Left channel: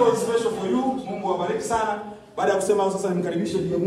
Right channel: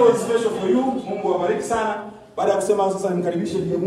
was special for you. Mungu awabariki sana. Baada ya kusema sasa nimkaribishe